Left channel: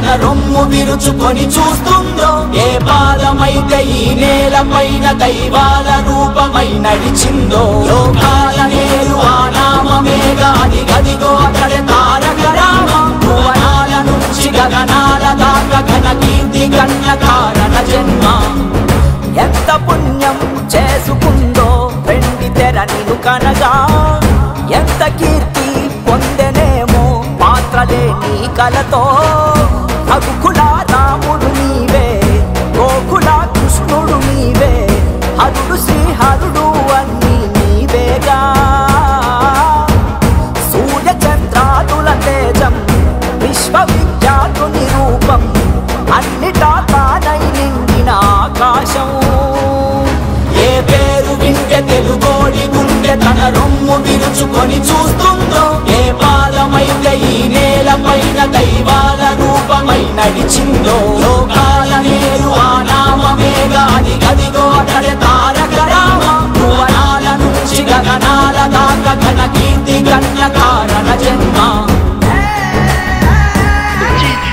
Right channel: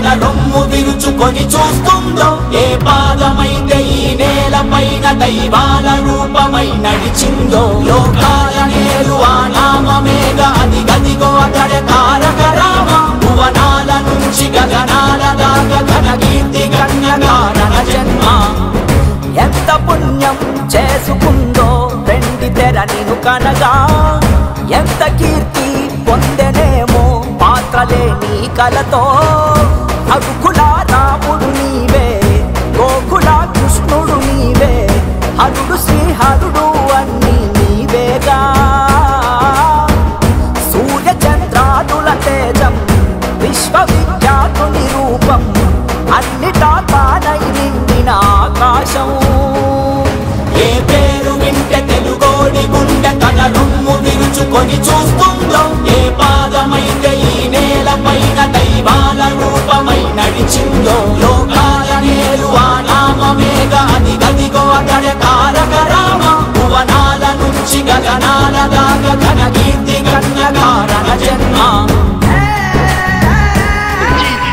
తన రొమ్ము విరుచుకొని చూస్తుందో, ఏ పాదమైతే ఈ నేల పైన దైవాల రూపమై నడిచిందో, లోకాల నేడు ఆ నామమేగా అది గదిగో అతడే తారక రామ. భువనాల నుంచి గగనాల దాకా ఘన కీర్తి గణ్యకారణ జన్మ. ఎంత పుణ్యం చేసుకుందో వెండి తెర నిన్ను కనగా, ఎంత కీర్తి పొందెనేమో పాత్రలే నీ కలతో. రఘుకుల రాముడు నీవే, గోకుల కృష్ణుడు నీవే, హరుడు శ్రీహరుడు అన్నీ నీవేగా. సూర్య చంద్రాదుల తేజం విశ్వవిఖ్యాతుని రూపం, అన్నిటా తానై నిండిన ఆకాశం. ఏ పేరు వింటే తెలుగోడి గుండె తన రొమ్ము విరుచుకొని చూస్తుందో, ఏ పాదమైతే ఈ నేల పైన దైవాల రూపమై నడిచిందో, లోకాల నేడు ఆ నామమేగా అది గదిగో అతడే తారక రామ. భువనాల నుంచి గగనాల దాకా ఘన కీర్తి గణ్యకారణ జన్మ.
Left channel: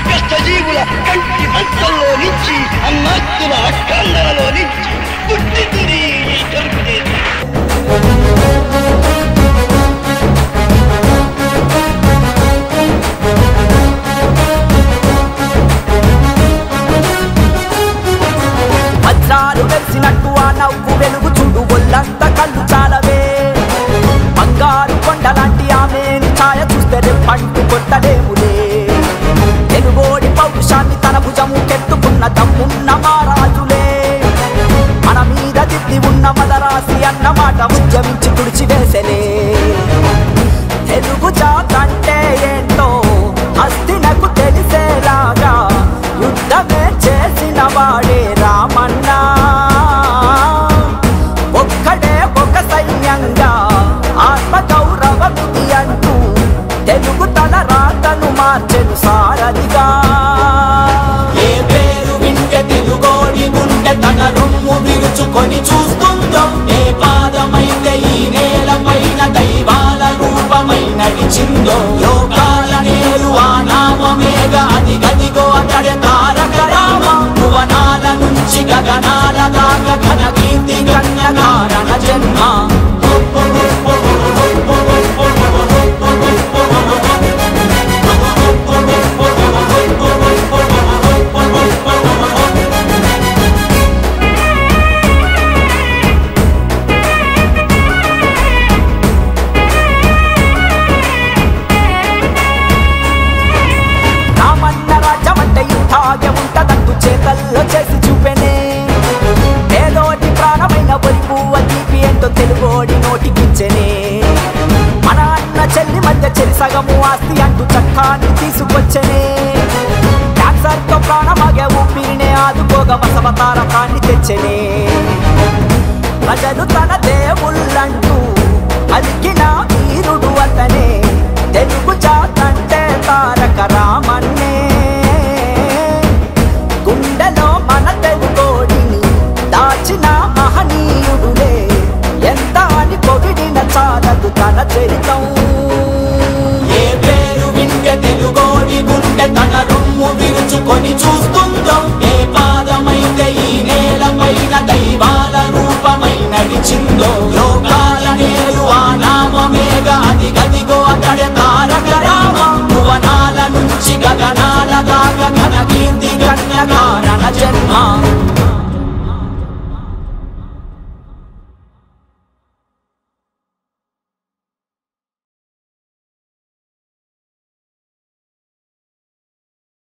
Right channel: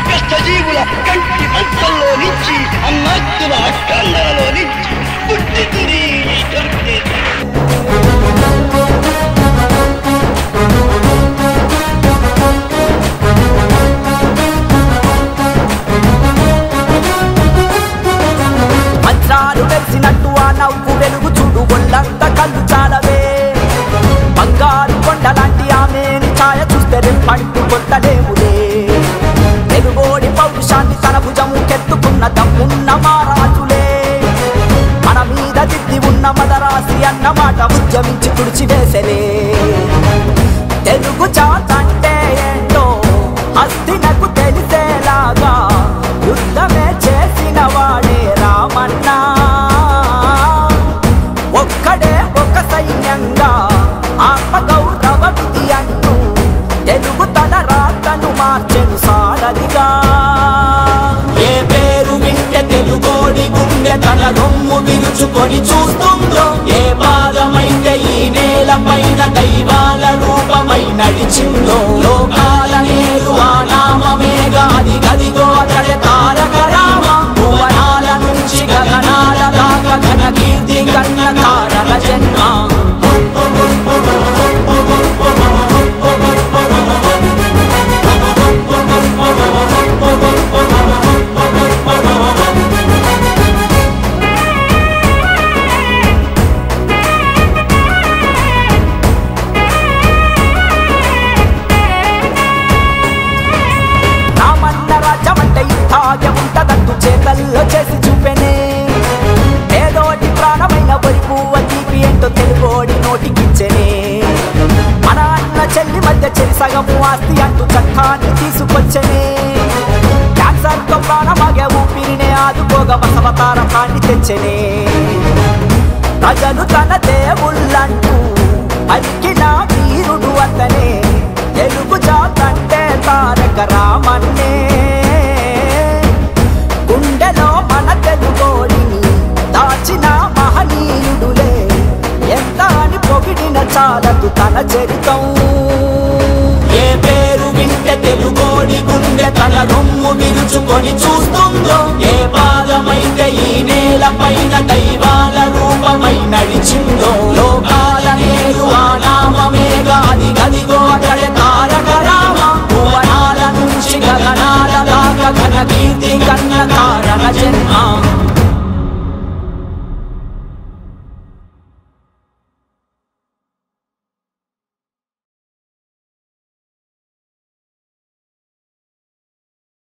కష్టజీవుల కంటి మంటల్లో నుంచి, అన్నాస్తుల అక్కందరలో నుంచి పుట్టితురి వజ్రాలు వెలిసినట్టు ఆ నవ్వు వెలుగు చూడు, ఒళ్ళంత కళ్ళు చాలవే. బంగారు కొండలాంటి ఆమెని ఛాయ చూస్తే రెప్పంటూ కొట్టలేములే. తెలుగోడి పౌరుషాన్ని తన భుజము కెత్తుకున్న దమ్మున్న మారాజులే. మన మీద దిద్ది ఉన్న మదరాసి అన్నమాట ఉద్యమించి తుడిచివేసలే. తెలుగు జాతంటే ఏంటో హస్తినకు తెలిసేలాగా యుద్ధమే చేసిన వాడే రామన్న. ఒక్కడే ఒక సైన్యంగా ఆత్మగౌరవ విధి అంటూ తెలుగు తన రాతను మార్చెను సారనిగా. ఏ పేరు వింటే తెలుగోడి గుండె తన రొమ్ము విరుచుకొని చూస్తుందో, ఏ పాదమైతే ఈ నేల పైన దైవాల రూపమై నడిచిందో, లోకాల నేడు ఆ నామమేగా అది గదిగో అతడే తారక రామ. భువనాల నుంచి గగనాల దాకా ఘన కీర్తి గణ్యకారణ జన్మ. రామన్న రాజ్యమంటే ఇట్టాగే ఉంటదంటూ చేతల్లో చేసి చూపెనే. ఏదోటి ప్రాణమైన వరి పువ్వ తీపి ఏంటో తెలుగోడి నోటికిచ్చెనే. మన అన్న చెల్లి మధ్య చెరి సగము ఆస్తి అంటూ చట్టాన్ని తీసుకొచ్చనే. క్యాన్సర్ తో ప్రాణమాగే ఊపిరినే ఆదుకోగా బసవతారకాన్ని తెచ్చనే. ప్రజలు తన దేవుళ్ళంటూ పలికిన వీరుడు అతనే, తెలుగు జాతంటే తారక రామన్నే. గుండెలో మన తెలుగోడిని దాచిన మహనీయుడులే, ఎంత అని పొగిడిన చాలదు తన చరితం. ఏ పేరు వింటే తెలుగోడి గుండె తన రొమ్ము విరుచుకొని చూస్తూ